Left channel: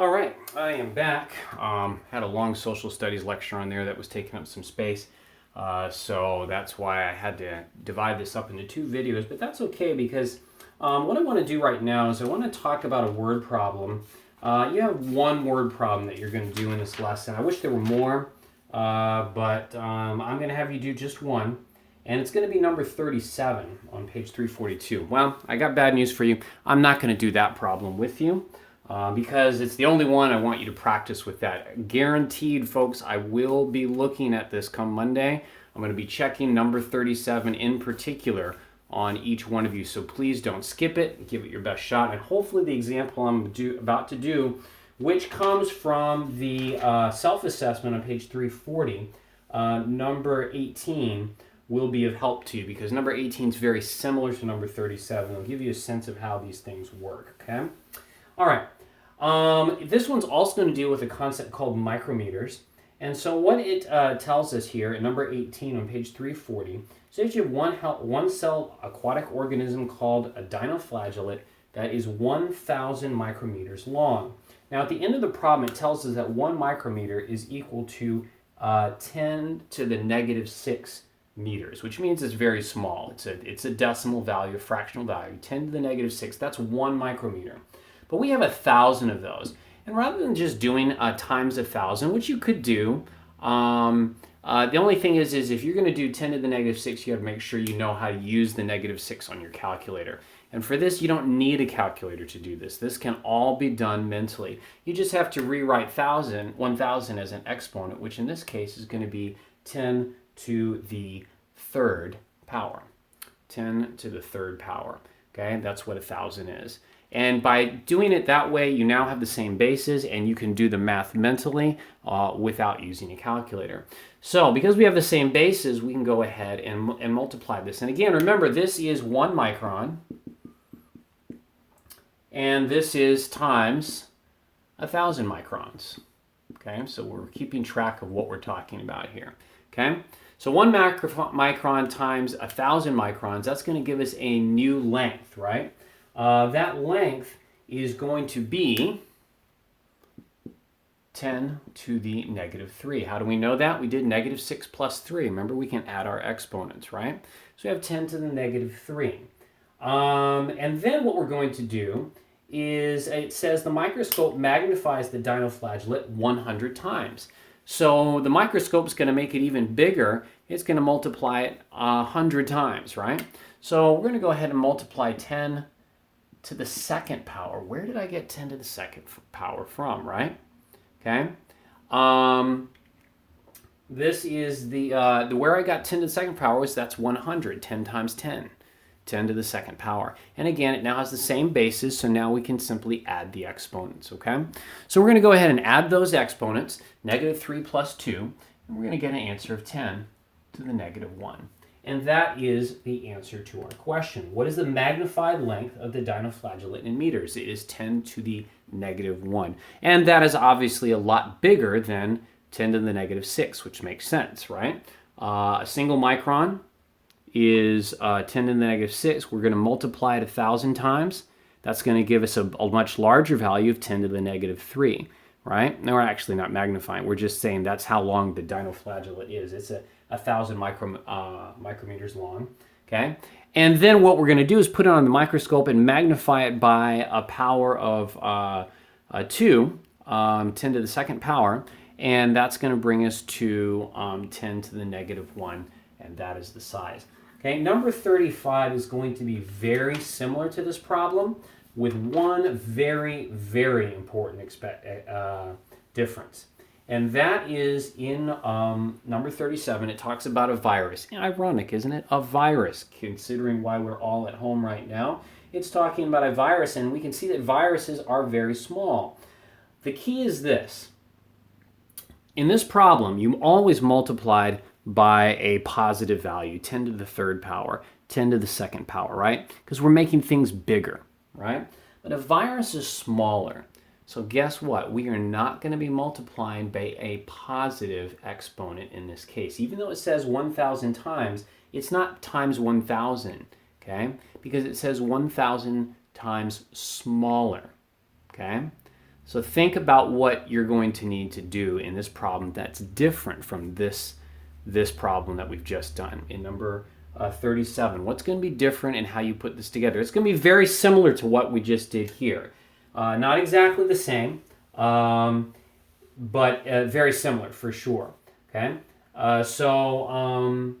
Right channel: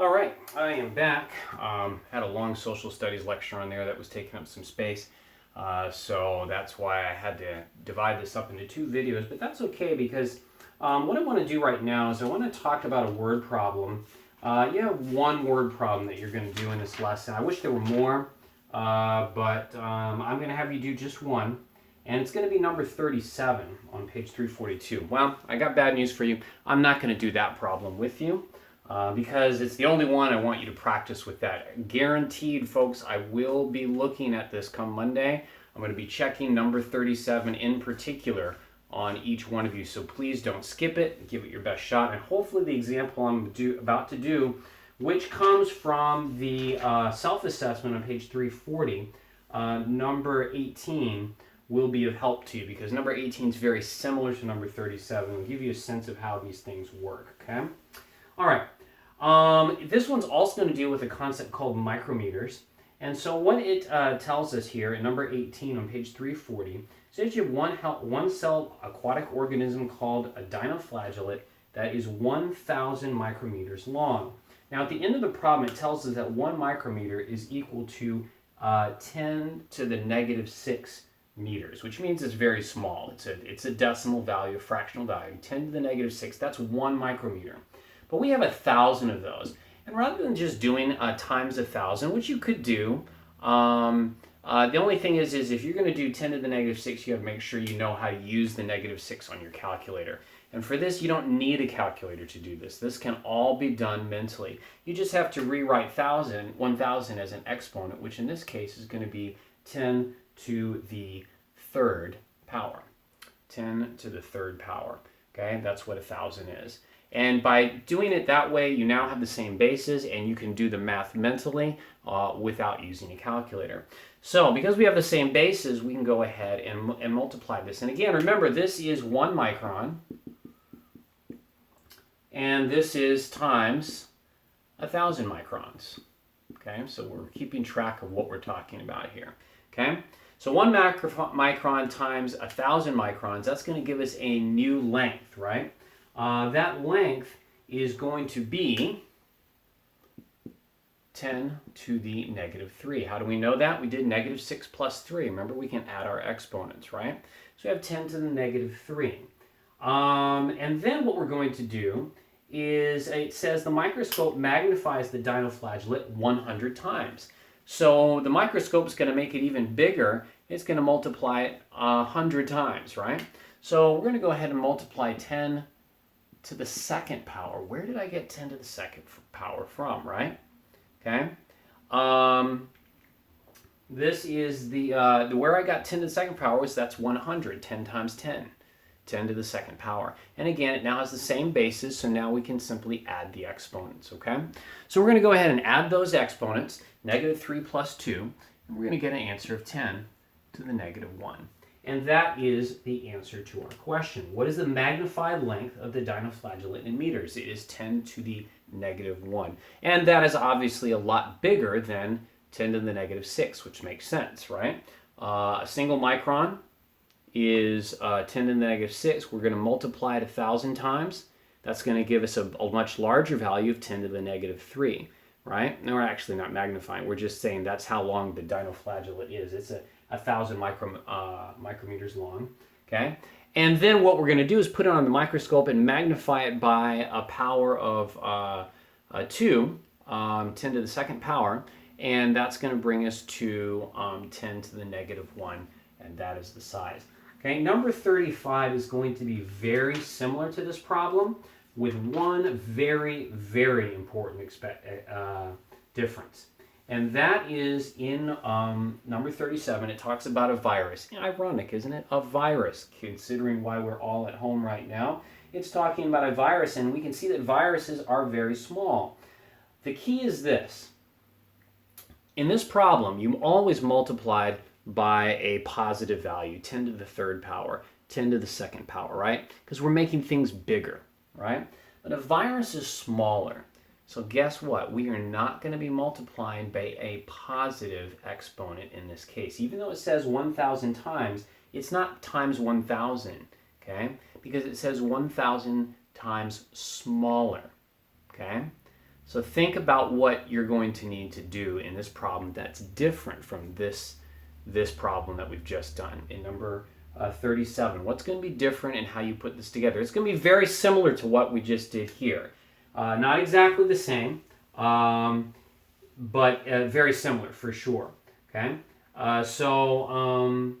All right, I am back. Had a long social studies lecture on there that was taking up some space. So that's why I had to divide this up into two videos, but that's okay because what I want to do right now is I want to talk about a word problem. You have one word problem that you're going to do in this lesson. I wish there were more, but I'm going to have you do just one. And it's going to be number 37 on page 342. Well, I got bad news for you. I'm not going to do that problem with you. Because it's the only one I want you to practice with that. Guaranteed, folks, I will be looking at this come Monday. I'm going to be checking number 37 in particular on each one of you. So please don't skip it. Give it your best shot. And hopefully the example I'm about to do, which comes from the self-assessment on page 340, number 18, will be of help to you because number 18 is very similar to number 37. It'll give you a sense of how these things work, okay? All right. This one's also going to deal with a concept called micrometers. And so what it tells us here in number 18 on page 340, says you have one cell aquatic organism called a dinoflagellate that is 1,000 micrometers long. Now at the end of the problem, it tells us that 1 micrometer is equal to 10 to the negative 6 meters, which means it's very small. It's a decimal value, a fractional value, 10 to the negative 6. That's 1 micrometer. But we have 1,000 of those. And rather than just doing times 1,000, which you could do, the only thing is if you're going to do 10 to the negative 6, you have to make sure you know how to use the negative 6 on your calculator. And for this, you don't need a calculator to do this. This can all be done mentally. You just have to rewrite 1,000 as an exponent, which in this case is going to be 10 to the third power. 10 to the third power. Okay, that's what 1,000 is. And by doing it that way, you now have the same bases and you can do the math mentally without using a calculator. So because we have the same bases, we can go ahead and multiply this. And again, remember, this is 1 micron. And this is times 1,000 microns. Okay, so we're keeping track of what we're talking about here. Okay, so 1 micron times 1,000 microns, that's going to give us a new length, right? That length is going to be 10 to the negative 3. How do we know that? We did negative 6 plus 3. Remember, we can add our exponents, right? So we have 10 to the negative 3. And then what we're going to do is, it says the microscope magnifies the dinoflagellate 100 times. So the microscope is going to make it even bigger. It's going to multiply it 100 times, right? So we're going to go ahead and multiply 10 to the second power. Where did I get 10 to the second power from, right? Okay. This is the where I got 10 to the second power was that's 100. 10 times 10. 10 to the second power. And again, it now has the same basis, so now we can simply add the exponents, okay? So we're going to go ahead and add those exponents, negative 3 plus 2, and we're going to get an answer of 10 to the negative 1. And that is the answer to our question. What is the magnified length of the dinoflagellate in meters? It is 10 to the negative 1. And that is obviously a lot bigger than 10 to the negative 6, which makes sense, right? A single micron is 10 to the negative 6. We're going to multiply it 1,000 times. That's going to give us a much larger value of 10 to the negative 3, right? No, we're actually not magnifying. We're just saying that's how long the dinoflagellate is. It's 1,000 micrometers long, okay? And then what we're going to do is put it on the microscope and magnify it by a power of 2, 10 to the second power, and that's going to bring us to 10 to the negative 1, and that is the size. Okay, number 35 is going to be very similar to this problem with one very, very important difference. And that is in number 37, it talks about a virus. Ironic, isn't it? A virus, considering why we're all at home right now. It's talking about a virus, and we can see that viruses are very small. The key is this. In this problem, you always multiplied by a positive value, 10 to the third power, 10 to the second power, right? Because we're making things bigger, right? But a virus is smaller. So guess what? We are not going to be multiplying by a positive exponent in this case. Even though it says 1,000 times, it's not times 1,000, okay? Because it says 1,000 times smaller, okay? So think about what you're going to need to do in this problem that's different from this problem that we've just done in number 37. What's going to be different in how you put this together? It's going to be very similar to what we just did here. Not exactly the same, but very similar for sure. Okay, so